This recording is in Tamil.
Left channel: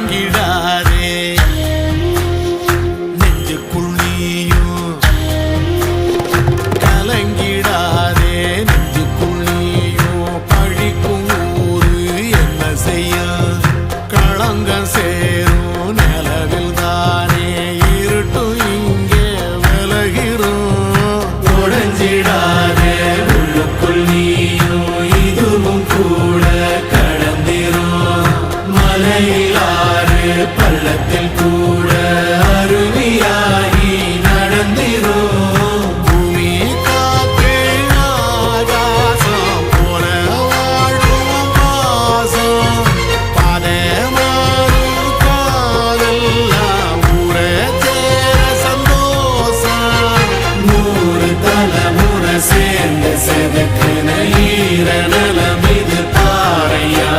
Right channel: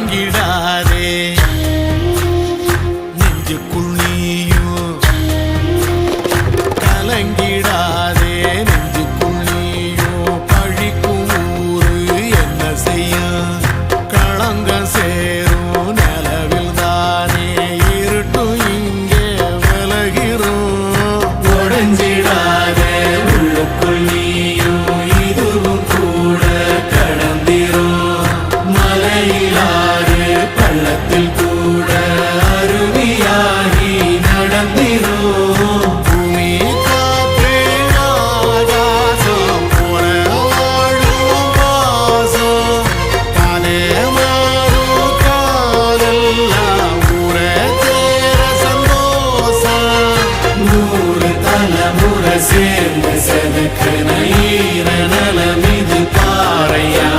கலங்கிடாதே நெஞ்சுக்குள் நீயும் கலங்கிடாதே நெஞ்சுக்குள் நீயும் பழிக்கும் ஊரு என்ன செய்ய களங்கம் சேரும் நிலவில் தானே இருட்டும் இங்கே விலகிறோம் உடைஞ்சிடாதே உள்ளுக்குள் நீயும் இதுவும் கூட கடந்திரும் மலையில்லாறு பள்ளத்தில் கூட அருவியாகி நடந்திரும் பூமி காற்று ஆகாசம் போல வாழும் பாசம் பாதை மாறும் காதெல்லாம் ஊரை சேர சந்தோஷம் 100 தலைமுறை சேர்ந்து செதுக்குன ஈர நலம் இது பாறையா